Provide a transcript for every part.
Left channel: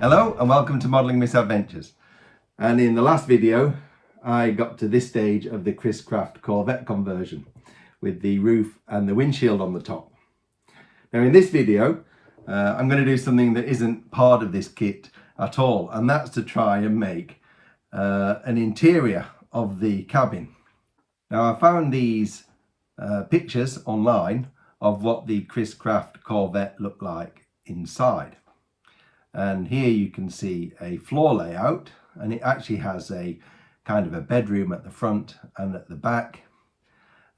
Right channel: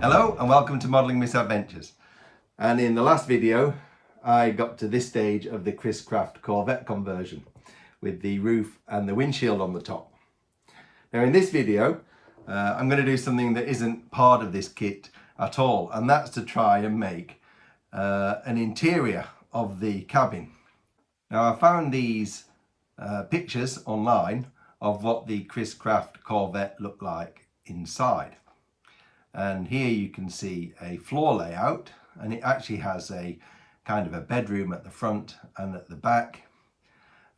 Hello and welcome to Modelling Misadventures. And in the last video I got to this stage of the Chris Craft Corvette conversion with the roof and the windshield on the top. Now in this video I'm going to do something that isn't part of this kit at all, and that's to try and make an interior of the cabin. Now I found these pictures online of what the Chris Craft Corvette looked like inside. And here you can see a floor layout, and it actually has a kind of a bedroom at the front and at the back,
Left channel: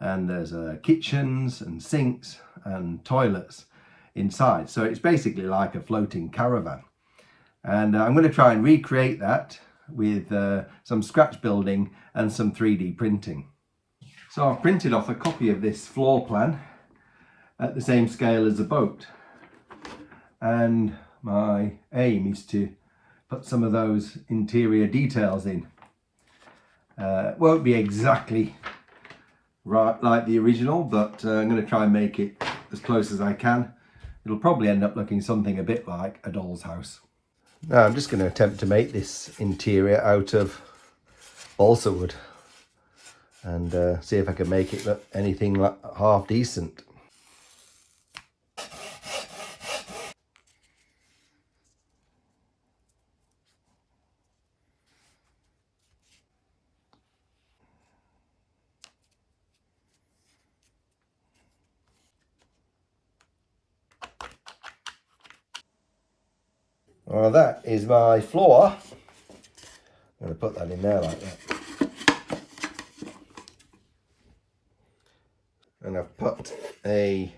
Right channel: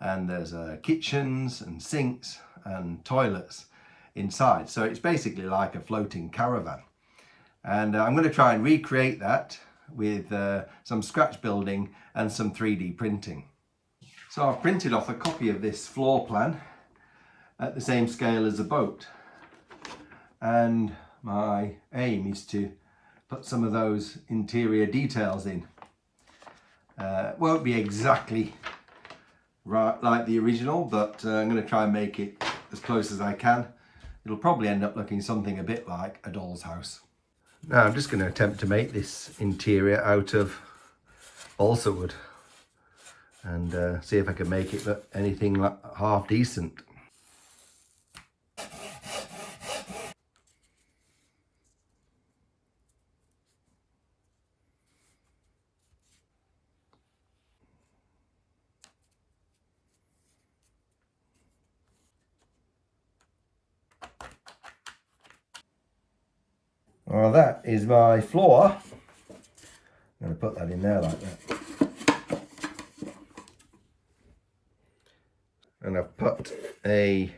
and there's kitchens and sinks and toilets inside, so it's basically like a floating caravan. And I'm going to try and recreate that with some scratch building and some 3D printing. So I've printed off a copy of this floor plan at the same scale as a boat, and my aim is to put some of those interior details in. Won't be exactly right like the original, but I'm going to try and make it as close as I can. It'll probably end up looking something a bit like a doll's house. Now I'm just going to attempt to make this interior out of balsa wood and see if I can make it look anything like half decent. Well, that is my floor. I'm going to put that in there like that. And I've put a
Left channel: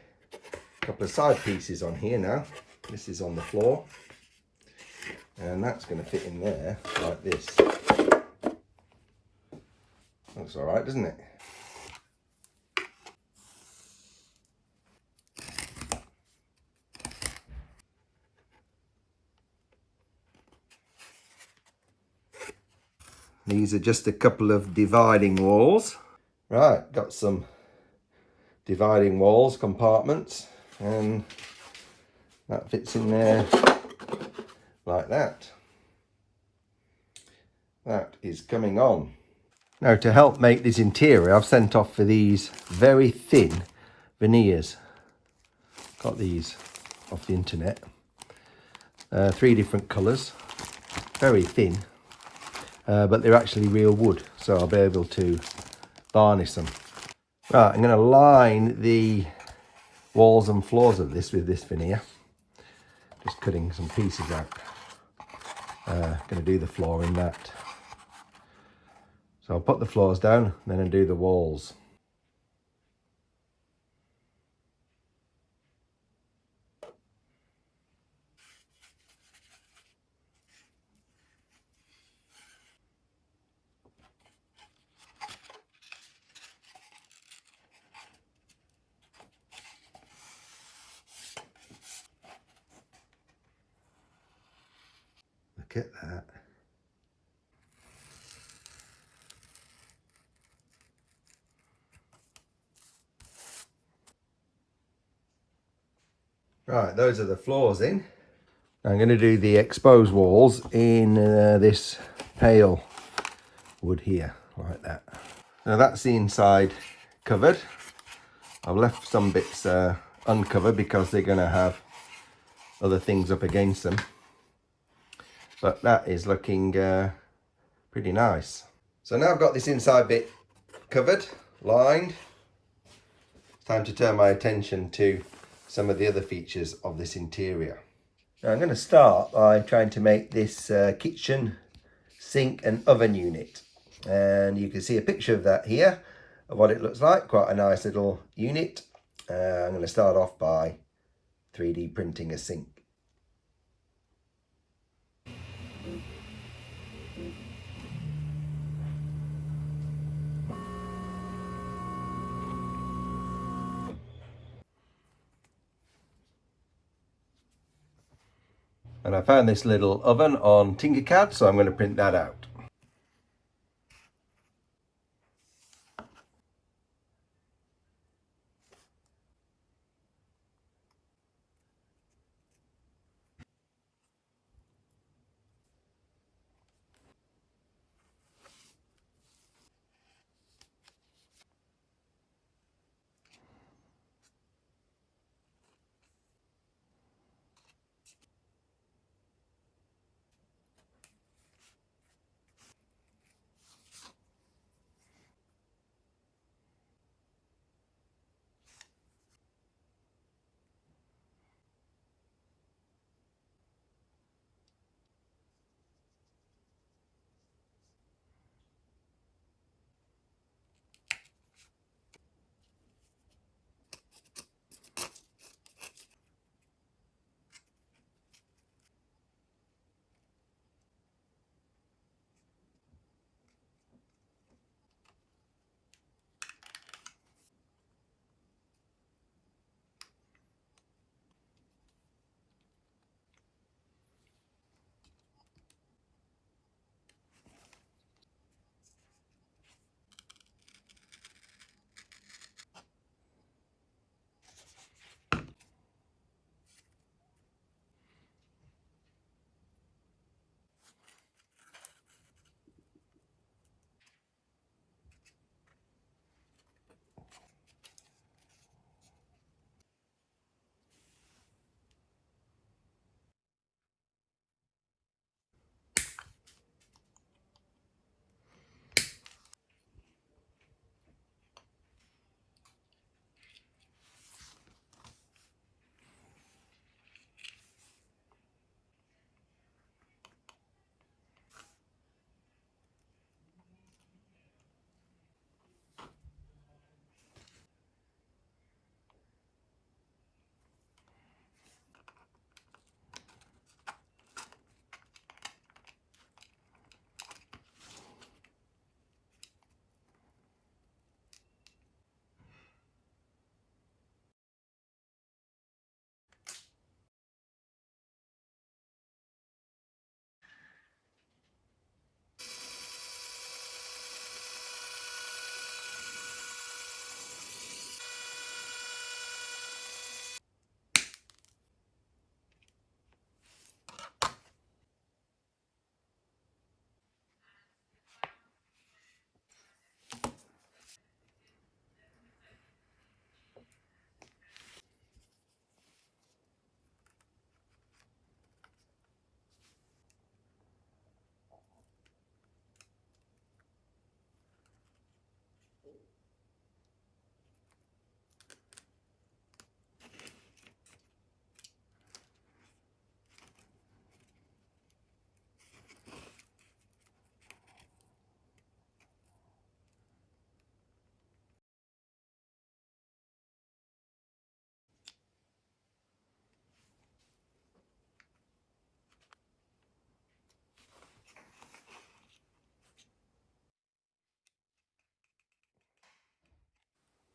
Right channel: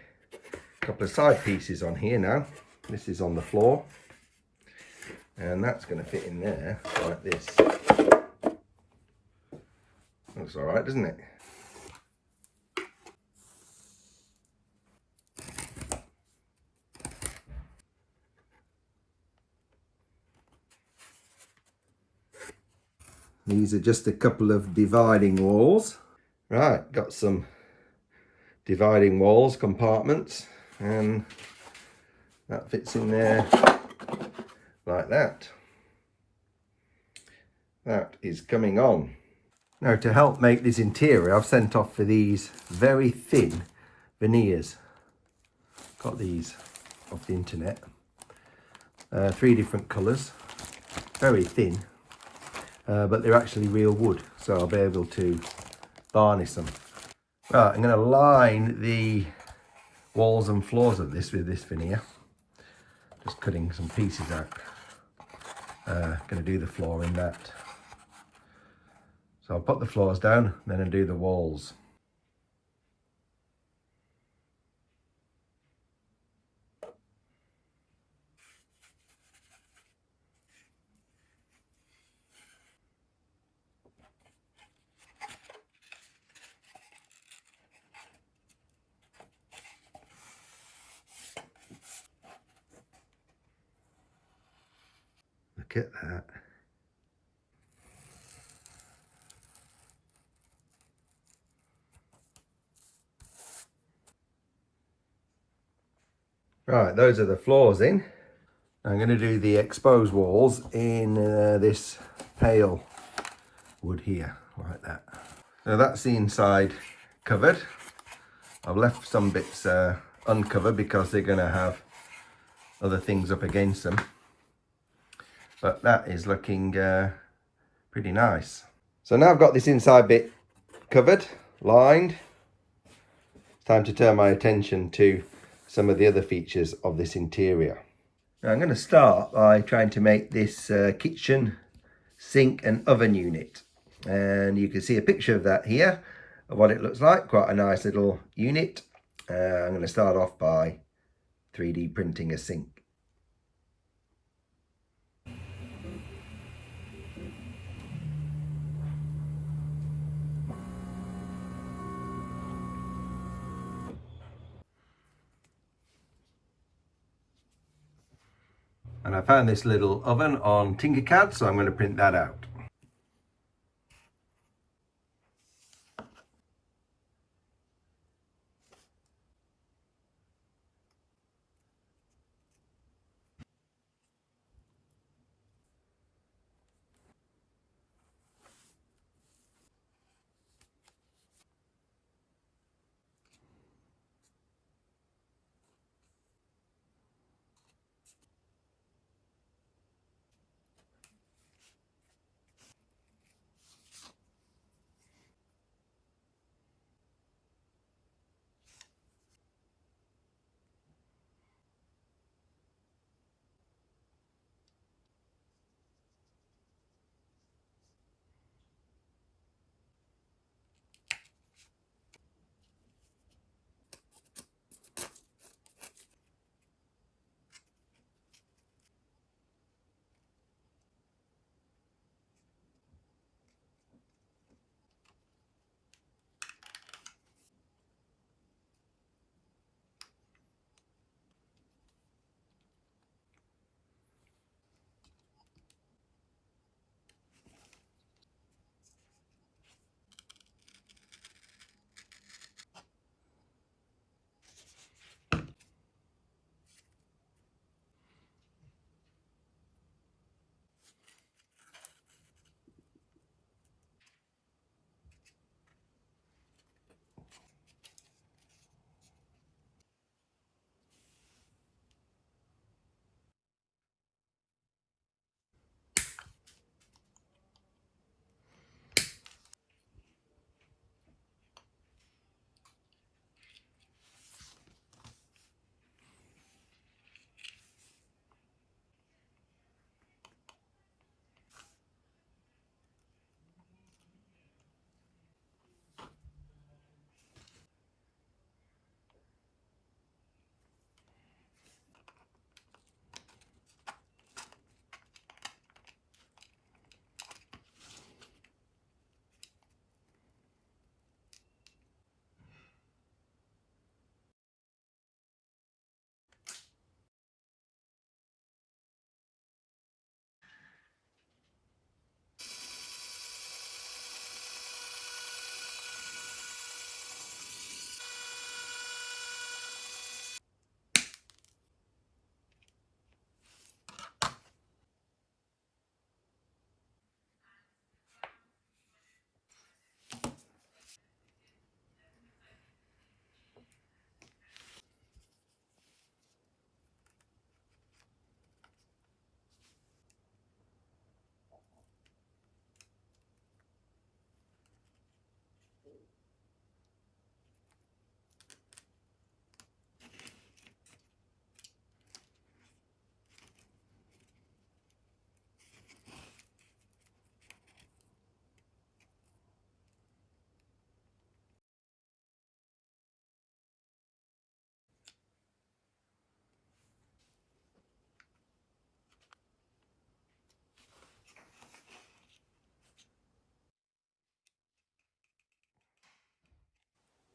couple of side pieces on here now. This is on the floor, and that's going to fit in there like this. Looks all right, doesn't it? These are just a couple of dividing walls. Right, got some dividing walls, compartments, and that fits in there like that. That is coming on. Now, to help make this interior, I've sent off for these very thin veneers. Got these off the internet. 3 different colours, very thin. But they're actually real wood, so I'll be able to varnish them. Right, I'm going to line the walls and floors of this with this veneer. Just cutting some pieces out. Going to do the floor in that. So I'll put the floors down, then I'll do the walls. Look at that. Right, those are the floors in. I'm going to do the exposed walls in this pale wood here, like that. Now that's the inside covered. I've left some bits uncovered because they're going to have other things up against them. But that is looking pretty nice. So now I've got this inside bit covered, lined. It's time to turn my attention to some of the other features of this interior. Now I'm going to start by trying to make this kitchen, sink and oven unit. And you can see a picture of that here, of what it looks like. Quite a nice little unit. I'm going to start off by 3D printing a sink. And I found this little oven on Tinkercad, so I'm going to print that out.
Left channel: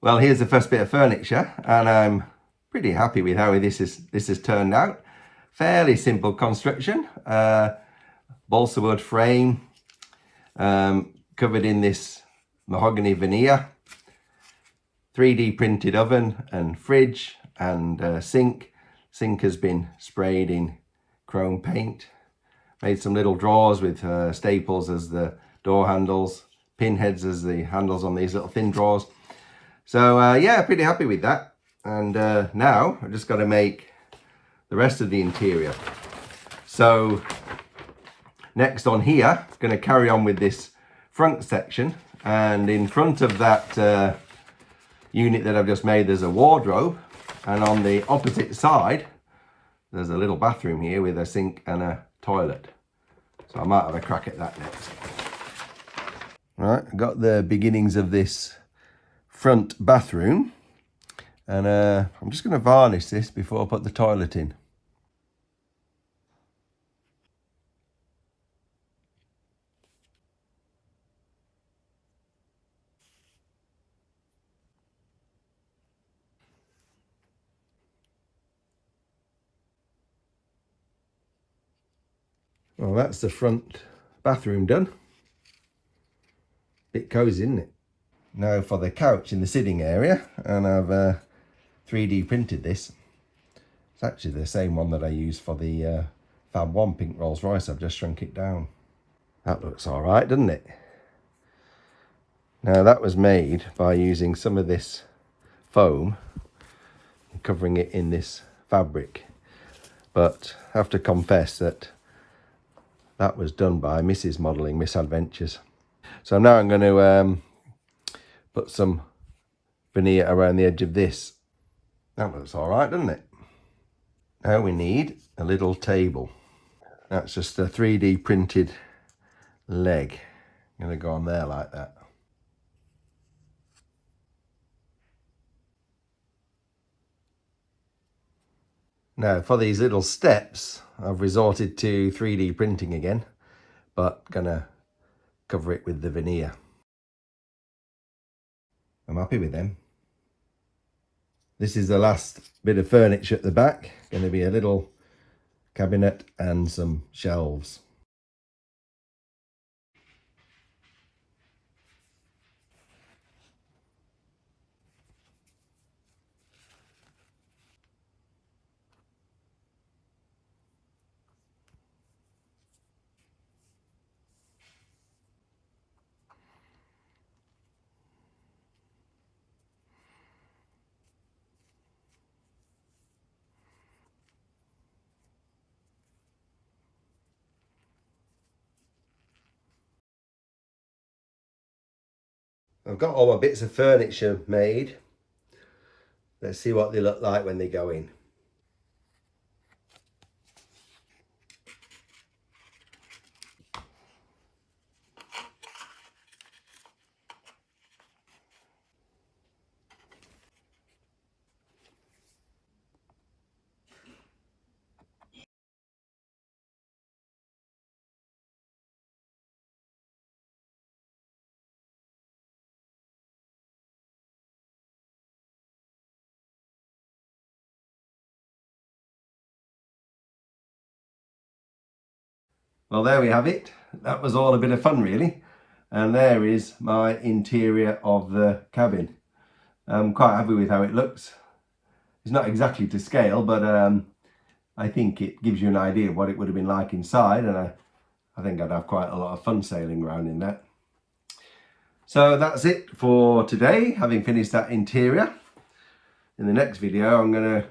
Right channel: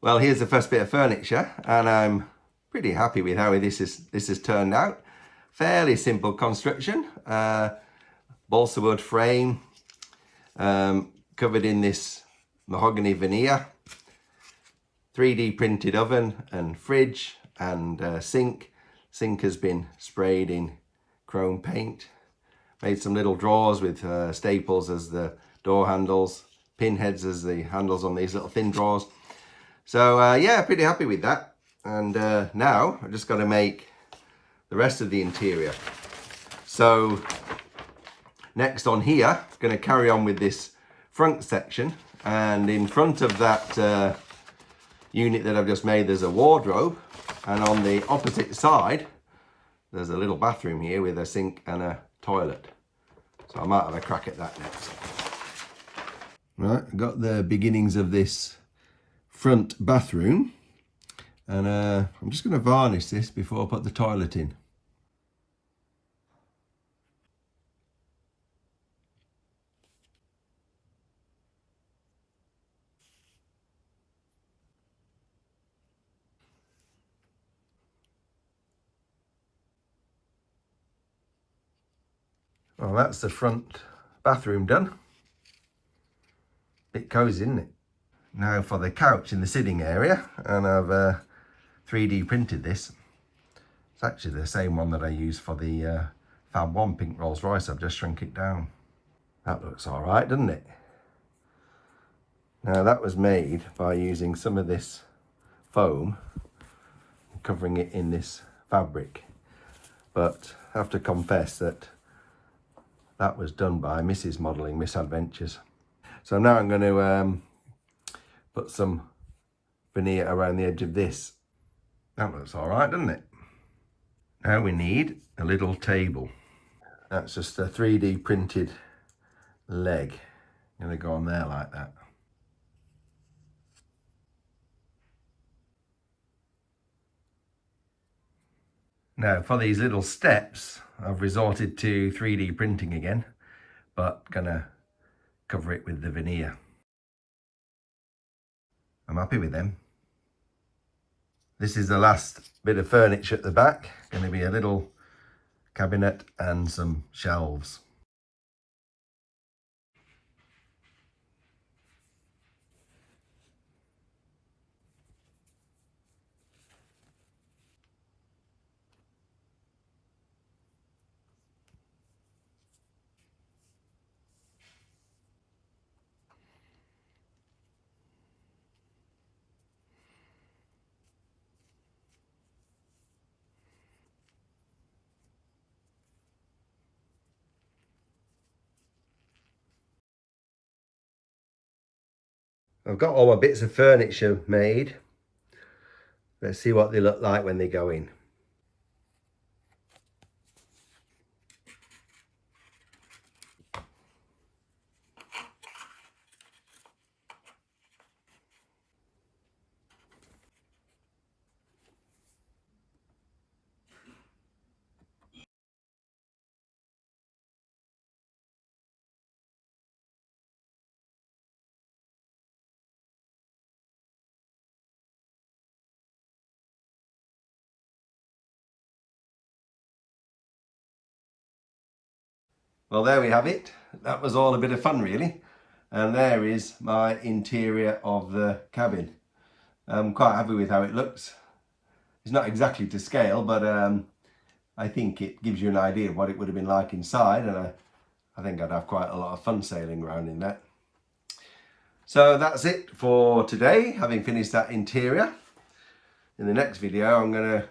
Well, here's the first bit of furniture, and I'm pretty happy with how this has turned out. Fairly simple construction, balsa wood frame, covered in this mahogany veneer, 3D printed oven and fridge and sink. Sink has been sprayed in chrome paint. Made some little drawers with staples as the door handles, pinheads as the handles on these little thin drawers. So yeah, pretty happy with that. And now I've just got to make the rest of the interior. So next on here, going to carry on with this front section, and in front of that unit that I've just made, there's a wardrobe, and on the opposite side there's a little bathroom here with a sink and a toilet. So I might have a crack at that next. Right, I've got the beginnings of this front bathroom, and I'm just going to varnish this before I put the toilet in. Well, that's the front bathroom done. Bit cosy, isn't it? Now for the couch in the sitting area, and I've 3D printed this. It's actually the same one that I used for the Fab 1 pink Rolls Royce. I've just shrunk it down. That looks all right, doesn't it? Now that was made by using some of this foam and covering it in this fabric, but I have to confess that that was done by Mrs. Modelling Misadventures. So now I'm going to put some veneer around the edge of this. That looks all right, doesn't it? Now we need a little table. That's just a 3D printed leg. I'm going to go on there like that. Now for these little steps, I've resorted to 3D printing again, but gonna cover it with the veneer. I'm happy with them. This is the last bit of furniture at the back. Going to be a little cabinet and some shelves. I've got all my bits of furniture made. Let's see what they look like when they go in. Well, there we have it. That was all a bit of fun, really. And there is my interior of the cabin. I'm quite happy with how it looks. It's not exactly to scale, but I think it gives you an idea of what it would have been like inside, and I think I'd have quite a lot of fun sailing around in that. So that's it for today, having finished that interior. In the next video, I'm going to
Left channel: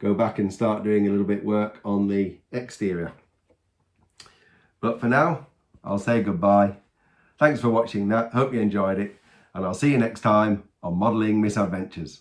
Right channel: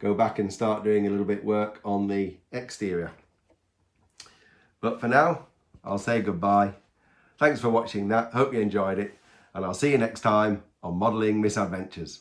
go back and start doing a little bit work on the exterior. But for now, I'll say goodbye. Thanks for watching that. Hope you enjoyed it. And I'll see you next time on Modelling Misadventures.